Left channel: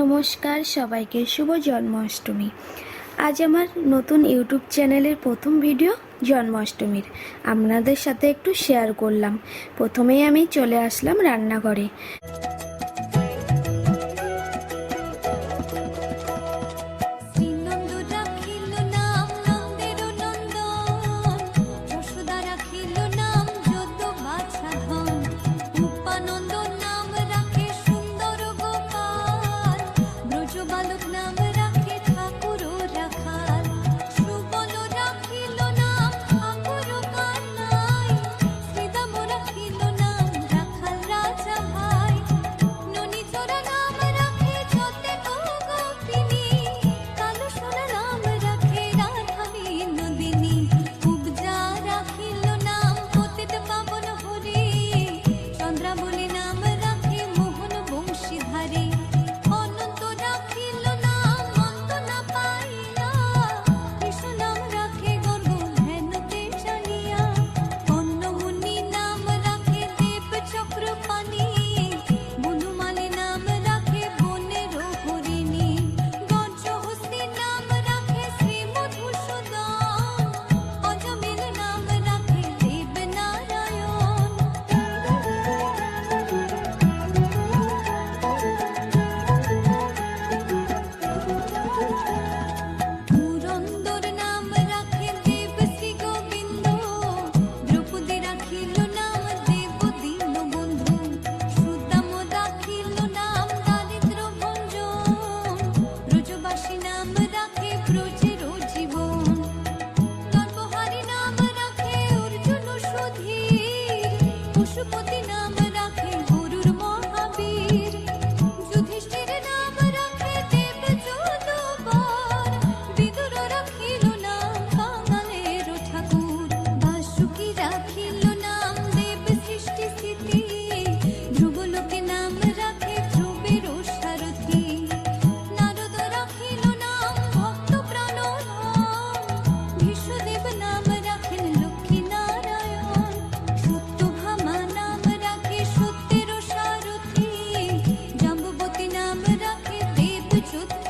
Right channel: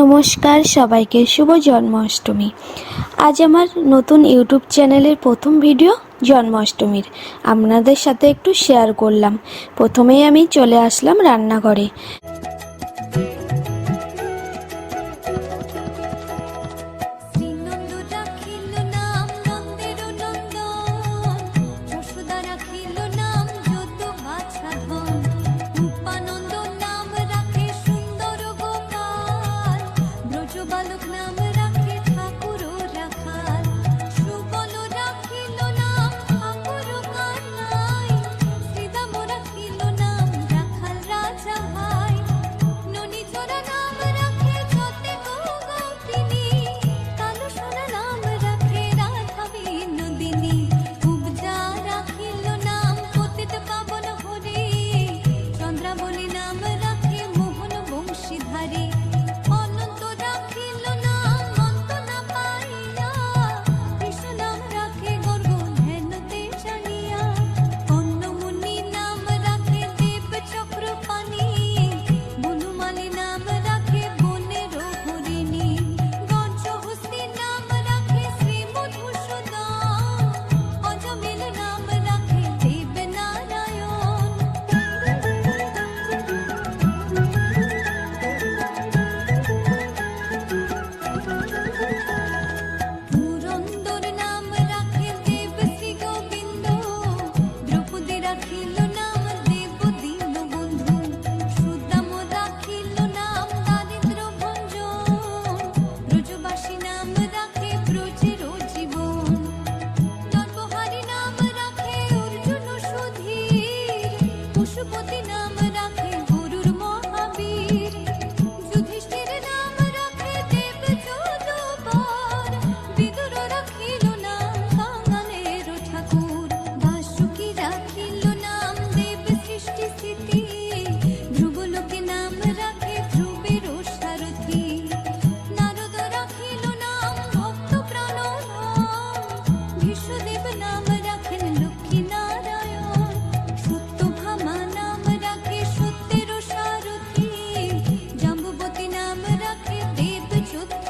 নমস্কার, সবাইকে শুভ জন্মাষ্টমী। আজ আমার নতুন ইউটিউব চ্যানেলের প্রথম ভিডিও জন্মাষ্টমীর। আপনাদের সাথে একটু শেয়ার করলাম। প্রথমেই আমি চলে আসলাম রান্নাঘরে। বালক নাম রাখে ঠাকুর রাখাল। সুবল পশুপতি নাম রাখে গুরুর মহাবীর। যুধিষ্ঠির নাম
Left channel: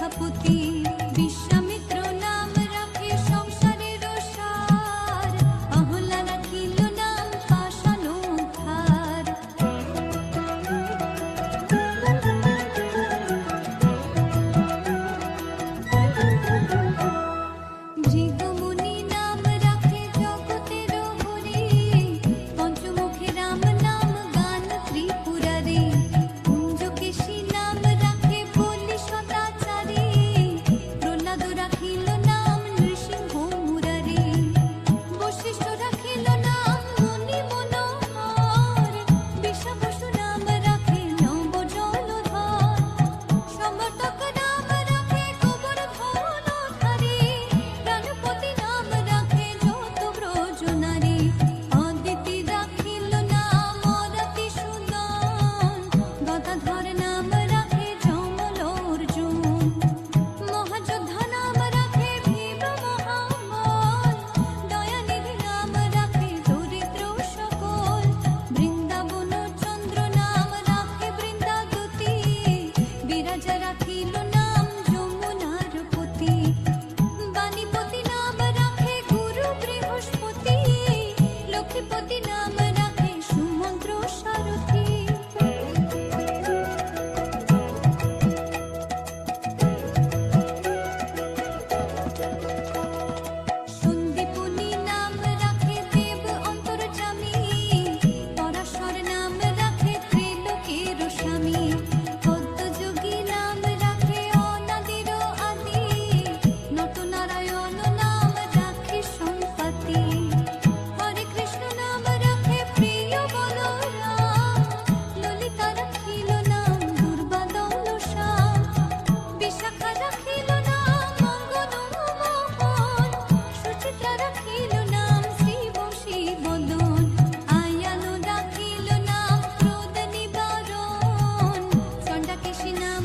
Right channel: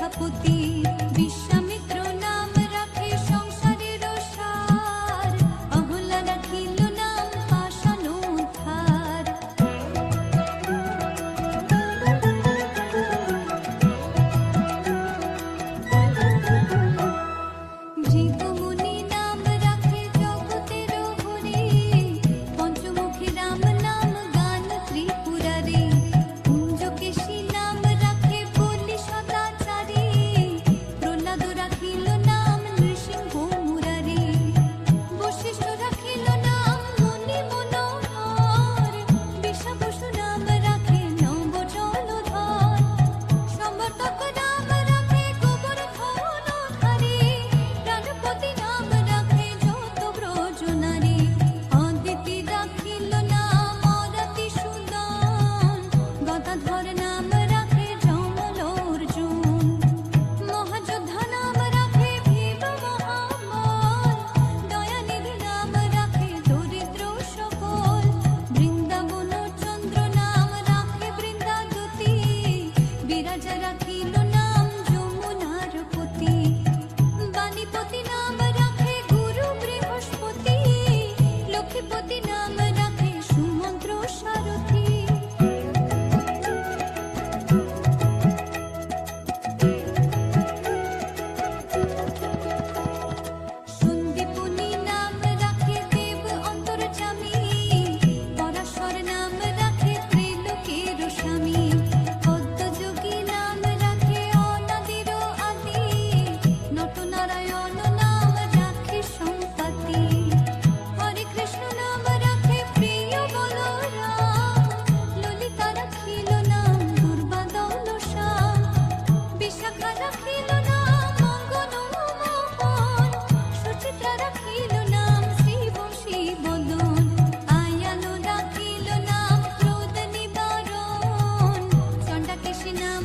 সেনাপতি বিশ্বামিত্র নাম রাখে সংসার যোজনারে অদিতি রাখিল না গদাধর নাম রাখে অর্জুন। মহাযোদ্ধা নাম রাখে মহাবল দয়ানিধি নাম রাখে দরিদ্র বৃন্দাবন চন্দ্র নাম রাখে রাখিল নাম যমুনার পতি। বাণীপতি নাম লক্ষ্মীপতি লক্ষ্মীপতি নাম রাখে সুমন্ত্র সারথী। বদন আয়ালো ডাকিল নাম ক্রোধ নিবারণ। চণ্ডাকেশী নাম